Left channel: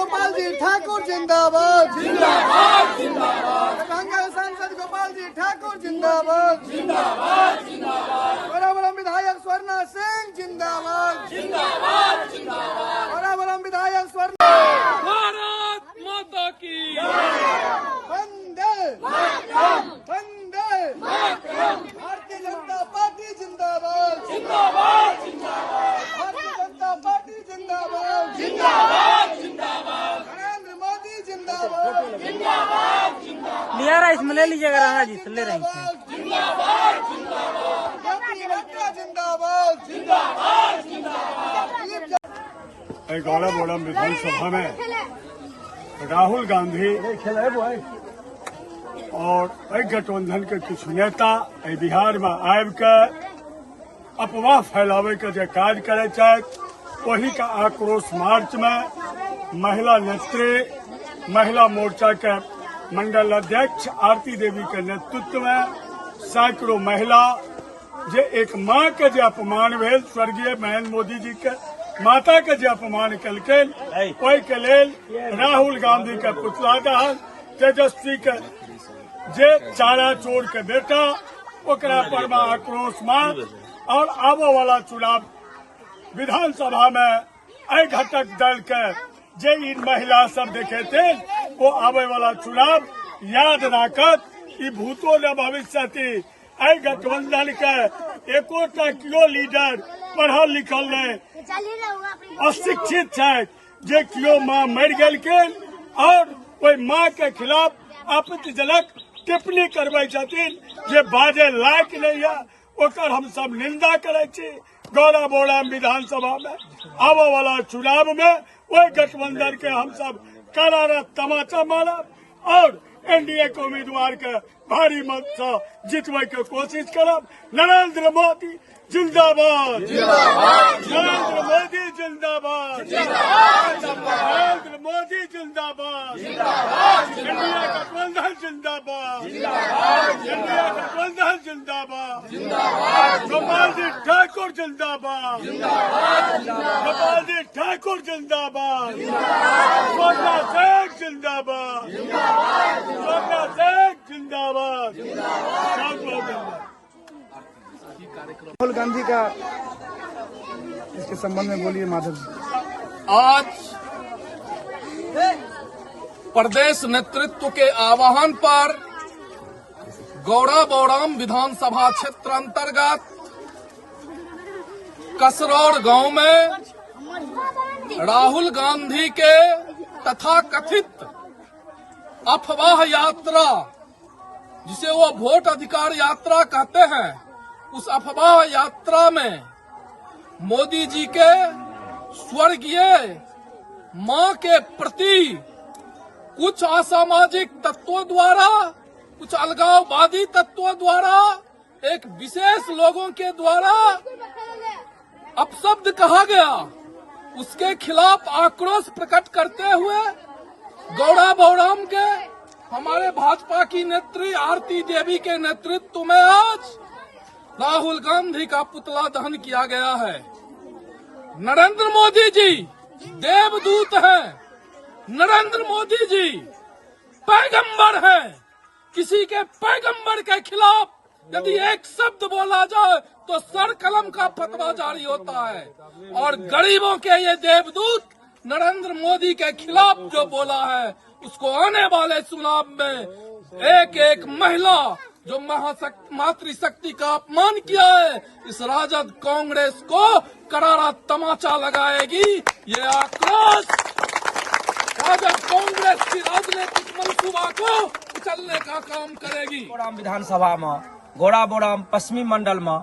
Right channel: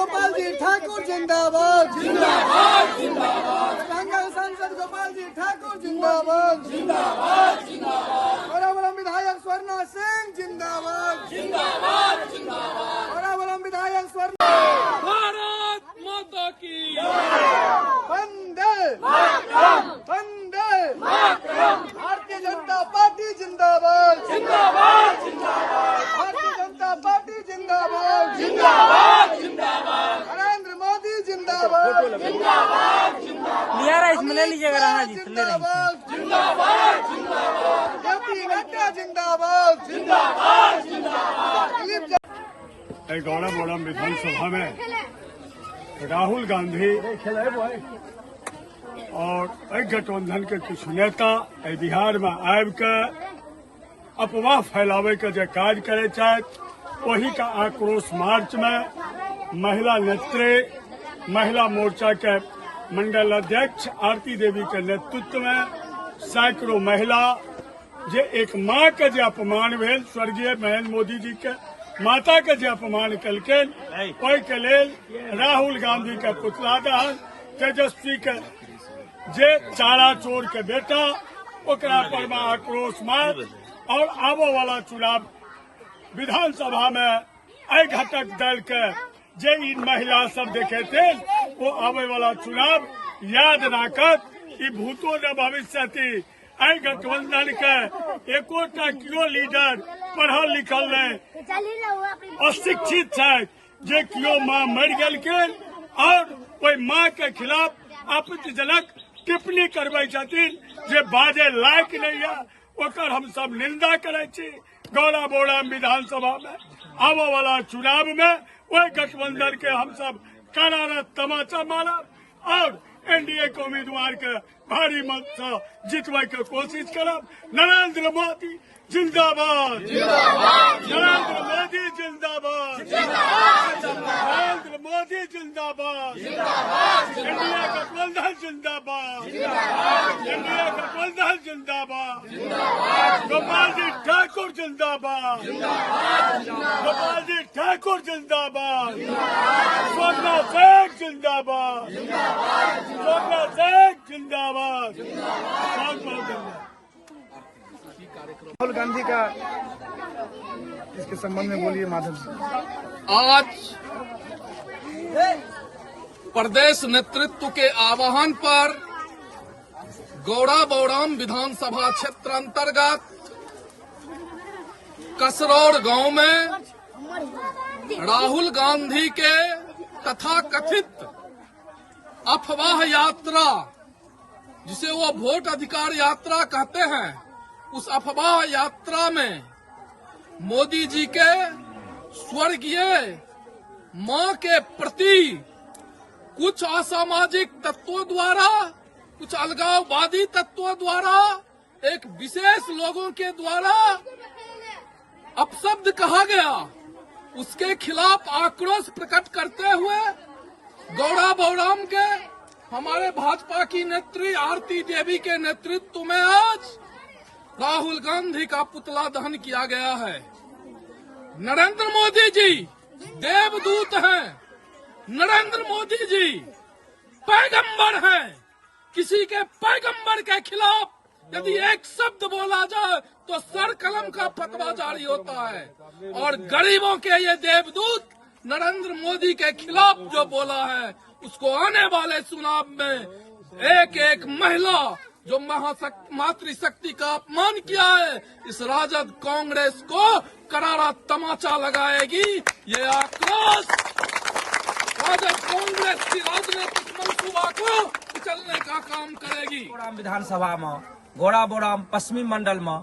गोपाल जी ठाकुर जिंदाबाद जिंदाबाद जिंदाबाद। सांसद गोपाल जी ठाकुर जिंदाबाद जिंदाबाद जिंदाबाद। बराबरम विधायक स्वर्णा सिंह जिंदाबाद जिंदाबाद जिंदाबाद। बराबरम विधायक स्वर्णा। भारत माता की वंदे वंदे भारतीय जनता पार्टी जिंदाबाद जिंदाबाद जिंदाबाद। भारतीय जनता पार्टी जिंदाबाद जिंदाबाद जिंदाबाद। नरेंद्र मोदी जिंदाबाद जिंदाबाद जिंदाबाद। लिया रहा इसमें ले लीजिएगा राणा जी, ले रहे हैं। जिंदाबाद जिंदाबाद। जेपी नड्डा जिंदाबाद जिंदाबाद जिंदाबाद। गौड़ा बोड़म विधानसभा में राहुल गांधी और गठबंधन के कुछ नेता बिहार में आबि के अफवाह फैलावे के जो कार्य करे वही का आक्रोश मार्च में महिला नेत्री महिला मोर्चा के मंडल अध्यक्ष आरती देवी के नेतृत्व में सैकड़ों महिला जे एक माँ के जो अपमान भेल स्वर्गीय नरेंद्र मोदी जी के माता के जो अपमान कलखिन ओहि के लेल राहुल गांधी के पुतला दहन तेजस्वी के जे चारा चोर के बेटा ओकरा पर में आक्रोश मार्च और आबो वाला चुनाव विधानसभा में एहि घटक दल के जे इन महिला सब देखे थे वो आबे वाला चुनाव याद राखत ई भूतो न भविष्य एहि गठबंधन के एकोटा कियो लीडर पढ़ल लिखल नहीं अशिक्षित है जे कियो माँ मर गेलखिन और ओहि माँ के खिलाफ आपत्तिजनक टिप्पणी करबे छथिन जे बाजे लायक नहीं है ओकर हम सब निंदा करे छी। गौड़ा बोड़ा विधानसभा में आबो वाला चुनाव में वही गठबंधन के हम सब करारा तमाचा मारब और एनडीए के उम्मीदवार के भारी मत से जितवे के कोशिश करब। नरेंद्र मोदी जिंदाबाद नरेंद्र मोदी जिंदाबाद नरेंद्र मोदी जिंदाबाद एनडीए गठबंधन जिंदाबाद एनडीए गठबंधन जिंदाबाद गोपाल जी ठाकुर जिंदाबाद गोपाल जी ठाकुर जिंदाबाद सोना शेख जिंदाबाद सोना शेख जिंदाबाद। राहुल गांधी का इसके संबंध में बोलिए माधव जी। आज प्रदेश नेतृत्व के आह्वान पर गौड़ा बौड़ाम विधानसभा क्षेत्र अंतर्गत कसरौड़ गांव में राहुल गांधी के तथाकथित अफवाह यात्रा जिसे वो वोट अधिकार यात्रा कहते हैं उस अफवाह यात्रा में मोदी जी के स्वर्गीय मां के प्रति कुछ असामाजिक तत्वों द्वारा कुछ अलगाववादी तत्वों द्वारा एक विशेष लोगों के द्वारा अपशब्द कहा गया उसके खिलाफ आक्रोश प्रकट करते हुए गौड़ा बौड़ाम के हमारे भाजपा की नेत्री आरती देवी के नेतृत्व में आज राहुल गांधी का पुतला दहन किया गया है। नरेंद्र मोदी जी देवदूत हैं, नरेंद्र मोदी जी पैगंबर हैं। किसी के पैगंबर के खिलाफ यदि एक शब्द बोला जाए तो सर कलम का फतवा जारी होता है और गरीबों के ये देवदूत नरेंद्र मोदी के खिलाफ जो बोला है उसको आने वाले चुनाव में एक एक महिला जो मातृशक्ति का अपमान किया है इस राजद कांग्रेस को करारा तमाचा लगाएगी। ये आक्रोश राजद कांग्रेस की राजनीतिक मंसूबा को कुचलने का काम करेगी। बोड़ाम विधानसभा में गौड़ा बोड़ाम पश्चिमी मंडल में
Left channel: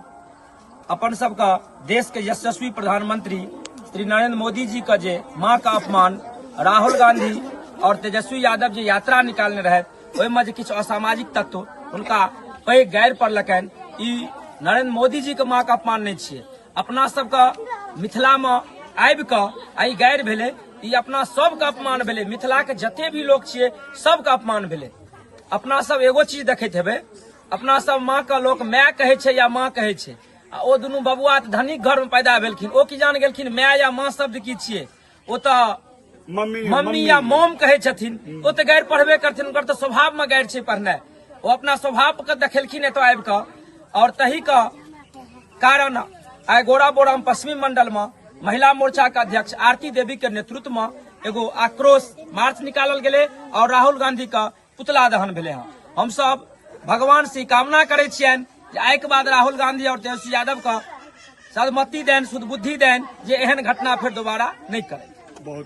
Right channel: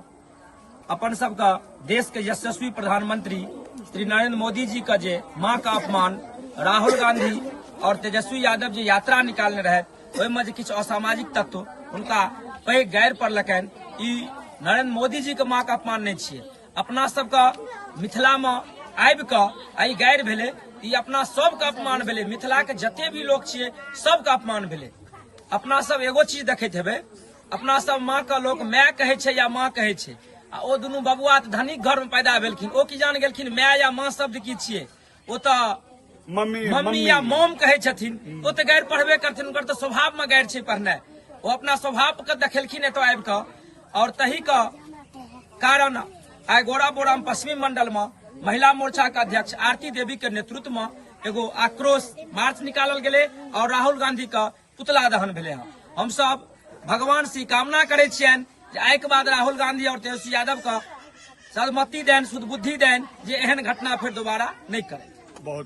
अपन सबका देश के यशस्वी प्रधानमंत्री श्री नरेंद्र मोदी जी का जे मां का अपमान राहुल गांधी और तेजस्वी यादव जी यात्रा निकालने रहे ओहि में किछु असामाजिक तत्व उनका पैघ गैर पड़लकन। ई नरेंद्र मोदी जी के मां का अपमान नहीं छे, अपना सबका मिथिला में आबि के आई गैर भेले ई अपना सबके अपमान भेले। मिथिला के जते भी लोग छिए सबके अपमान भेले। अपना सब एगो चीज देखैत हेबे अपना सब माँ का लोग माय कहे छे या माँ कहे छे आ ओ दुनू बबुआ धनिक घर में पैदा भेलखिन ओ की जान गेलखिन माय या माँ शब्द की छिए। ओ तो मम्मी या मोम कहे छथिन ओ तो गैर पढ़बे करथिन, उनकर तो स्वभाव में गैर छै पढ़नाइ। वो अपना स्वभाव के देखलखिन एतो आबि कऽ, और तही का कारण आइ गोड़ा बोराम पश्चिमी मंडल में महिला मोर्चा के अध्यक्ष आरती देवी के नेतृत्व में एगो आक्रोश मार्च निकालल गेले और राहुल गांधी का पुतला दहन भेले हैं। हम सब भगवान से कामना करे छियनि जे आइ के बाद राहुल गांधी और तेजस्वी यादव का सदमति देन, शुद्ध बुद्धि देन, जे एहन घटना फिर दोबारा नहीं करे। बहुत